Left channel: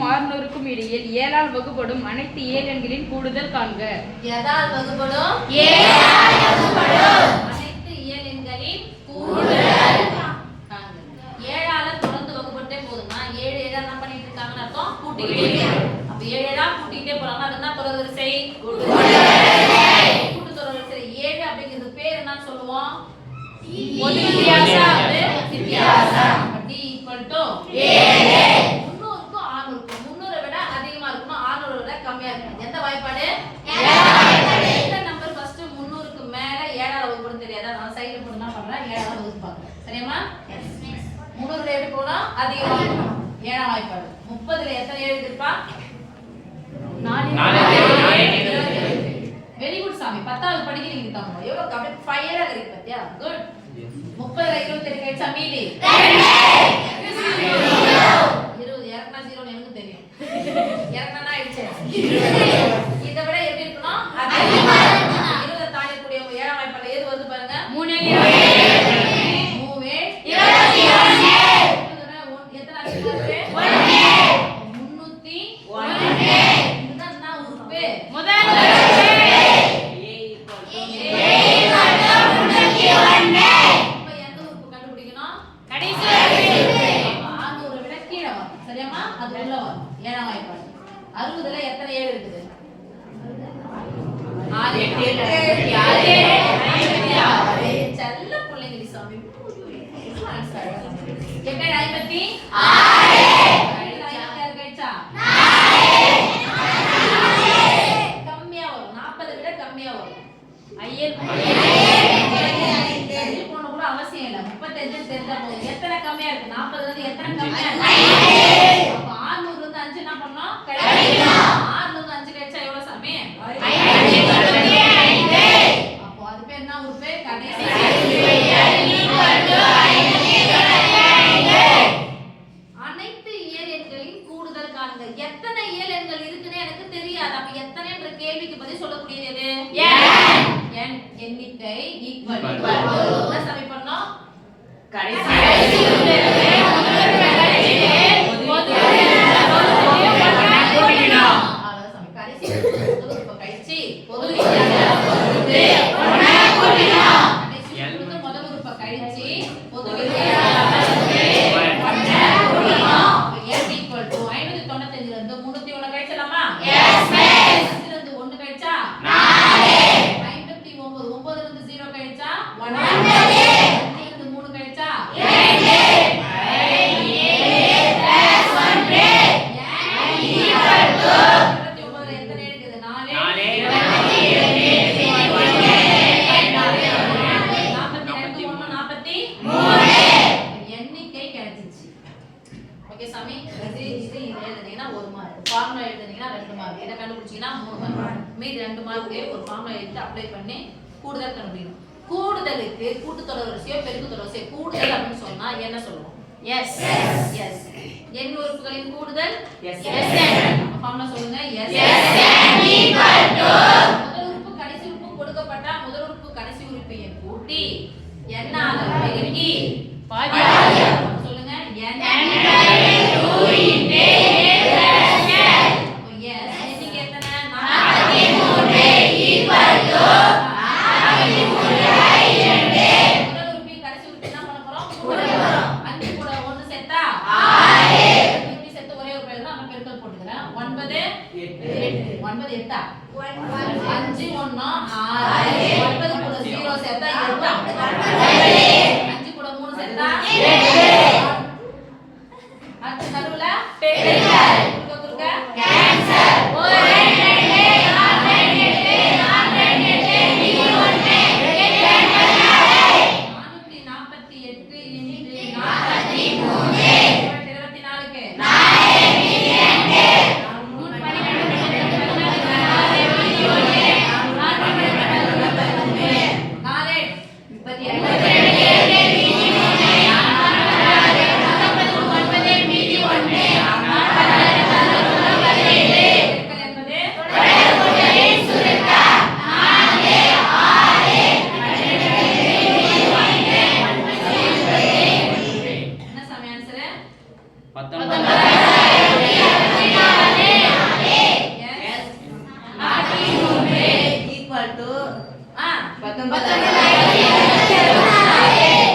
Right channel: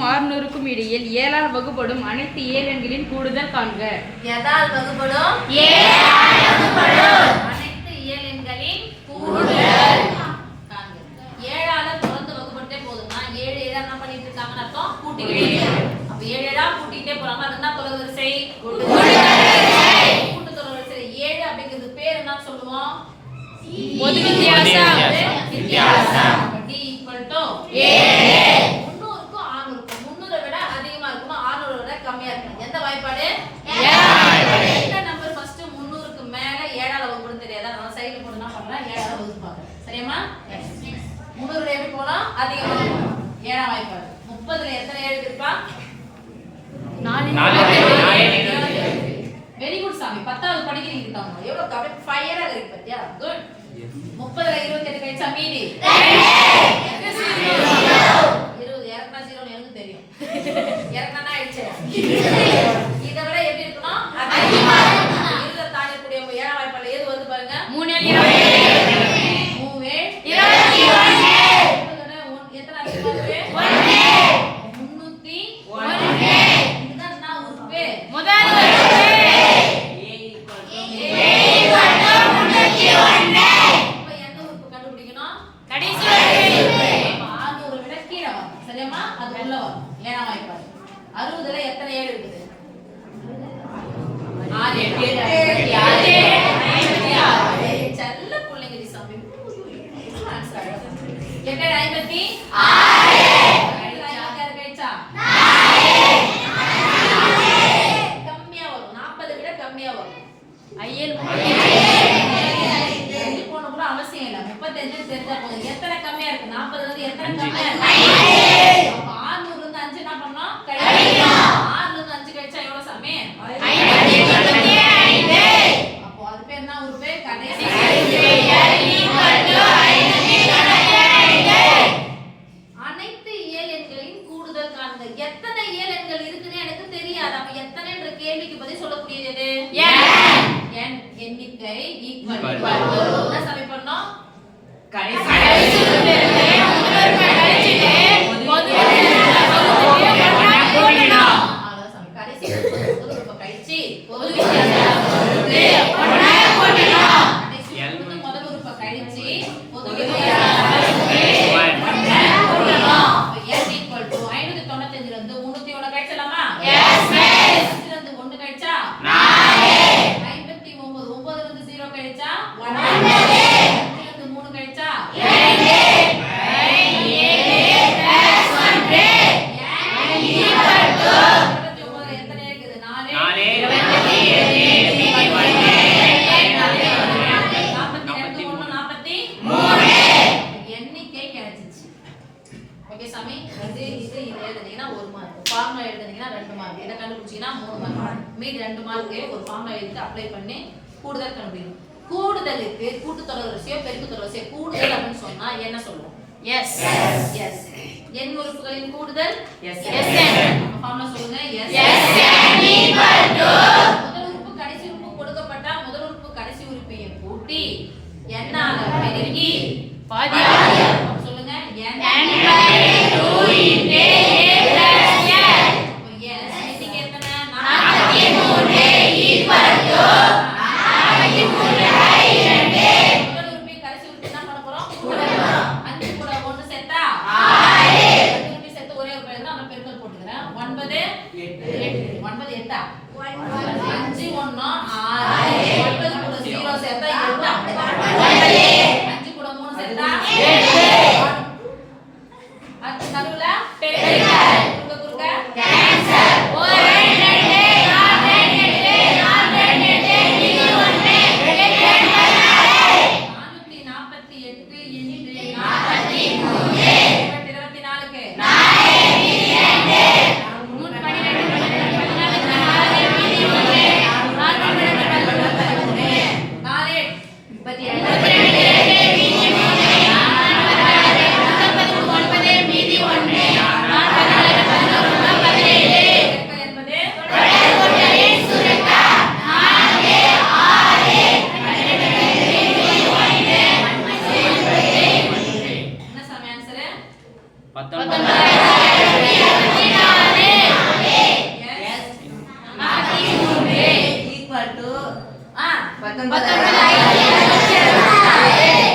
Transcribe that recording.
500க்கும் 600க்கும் இடையில் 7 ஆல் வகுப்படும் அனைத்து இயலெண்களின் கூடுதல் காண்க. எதால் வகுப்படும்? அனைத்து இயலெண்களின் கூடுதல் காண்க. 7 ஆல தொடர்ந்து வகுப்பட்டே போதும்னா 7 7 என்ன பண்ணிட்டு இருக்காங்கன்னு அர்த்தம், கூட்டிக்கிட்டே. அப்ப 7 7 கூட்டிக்கிட்டே போறாங்க. அது என்ன தொடர்வரிசை? கூட்டு தொடர்வரிசை. 7 அப்படிங்கிறது பேர் என்ன சொல்லுவோம்? பொது வித்தியாசம். D equal to 7. 300க்கும் 600க்கும் 300 விட அதிகமா இருக்கணும், 600 விட கம்மியா இருக்கணும். எந்த வாய்ப்பாடு? எந்த நம்பர் ஃபர்ஸ்ட் 300க்கு மேல 7 ஆல வகுப்புன்னு தெரியாதா? நான் சைடுல போட்டு என்ன பண்றேன், 7 ஆல வகுப்பு பார்க்கறேன். சரியாமா? 300 எப்படி போனா அதிகமா போகணும். 7ஆம் வாய்ப்பாடு. 30ல எத்தனை 7 இருக்குப்பா? 4. வெரி குட் சாமி. 10வது படிக்கிறீங்க தாங்க. எவ்வளவு அப்படியே ஃபயரா இருக்கு பாத்தியா? குட். 30ல 28 கழிச்சா மீதி 20. இறக்குனா 0 எனக்கு தெரியும். இறக்குனா ஆயிடுச்சு. இதை விட எப்படி இருக்கணும்? அதிகமா. 20 தாண்டக்கூடிய 7ஆம் வாய்ப்பாடு எது வந்து பாருங்க? 3 7 3 21. எத்தனை அதிகமா இருக்கு? 301. இதுதான் என்ன உறுப்பு? முதல் உறுப்பு. அப்ப எந்த உறுப்பு கண்டுபிடிக்கணும்? கடைசி உறுப்பு. அப்ப 600 விட கீழ வரும். சரியாமா? அது உள்ள வரும். 7ஆம் வாய்ப்பாடு. 60ல எத்தனை 7 இருக்குது? 6 8 56. செல்ல பிள்ளைங்க சாமி. ஆன்சர் அழகா பண்ணுங்க. 8 56. 56 கழிச்சா 4. கம்மியா வரும். 40 விட கம்மியா வரும். ஐயல் போன கூட அவசியம் இல்ல. 35 தெரிஞ்சா போதும். எத்தனை கம்மியா இருக்கு? 40ல இருந்து எத்தனை கம்மியா இருக்கு? அப்ப 600ல இருந்து 5 என்ன பண்ணனும்? கழிக்கணும். 6ல இருந்து 5 கழிச்சா எவ்வளவு சாமி? 5. அப்போ அது பேர் என்ன உறுப்பு? கடைசி அனைத்து இயலெண்களின் கூடுதல் காண்க. எத்தனை இயலெண்கள் இருக்குன்னு எனக்கு தெரியாது. அப்ப எத்தனைன்ற கேள்விக்கு பதில் சொல்லக்கூடியது n. எண்ணிக்கை ஈக்குவல் என்ன சாமி பண்ணோம்? கடைசி உறுப்பு கழிச்சிட்டு பொது அவ்வளவுதான் சாமி. கடைசி உறுப்பு கழிச்சி பொது வித்தியாசம் கடைசி முதல் உறுப்பு கழிச்சி பொது வித்தியாசம் n equal to 595ல இருந்து 301 கழிச்சலாமா? Yes miss. 5ல இருந்து 1 கழிச்சா 4. 59. 9ல இருந்து 0 கழிச்சா 9. 5ல இருந்து 3 கழிச்சா 2. 7 + 1 n equal to 29ல எத்தனை இருக்குது? 4. 42 1 43. எண்ணிக்கை கிடைச்சிச்சு. ஓகே சாமி. இது எழுதுனீங்கன்னா 1 மார்க். ஃபார்முலா எழுதுனீங்கன்னா 2 மார்க். இத கண்டுபிடிச்சீங்கன்னா 3 மார்க். மீதி 2 மார்க் ஒரு ஃபார்முலா எழுதி அப்ளை பண்ணி கூடுதல் கண்டுபிடிக்கணும். கூடுதலுக்கு கூட்டு தொடர்வரிசையோ பெருக்கு தொடர்வரிசையோ கூடுதல் அப்படின்னு சொன்னா என்ன சொல்லுவோம்? எஸ். எண் உறுப்புகளின் கூடுதல் எஸ். ஃபார்முலா சொல்லுங்க. எஸ் முதல் உறுப்பு கடைசி உறுப்பு கொடுக்கப்பட்டா முதல் உறுப்பு கடைசி உறுப்பையும் கூட்டி n ஆல பெருக்கி பாதியாகும். சொல்லுங்க. n / 2 × a + n. அப்ப s எண்ணிக்கை எத்தனை? 43 equal to 43/2. முதல் உறுப்பு கடைசி உறுப்பு என்ன பண்ண போறோம்? கூட்ட போறோம். 5 கூட 1 சேர்த்தா 6. ரெண்டு உறுப்பு சேர்த்து ஒரே ஒரு பேர் தான் நான் பெருக்கல் போட்டுக்கறேன். 9 8. 9 8. 5 1 6. 9 கூட 0 சேர்த்தா 8. 5 கூட 3 சேர்த்தா 8. அடுத்து நடுவுல பெருக்கல். குறுக்க கேன்சல். 1 2 4 8 4 8 மீதி 1 448 into 43 24க்கு 4 மீதி 2 4 19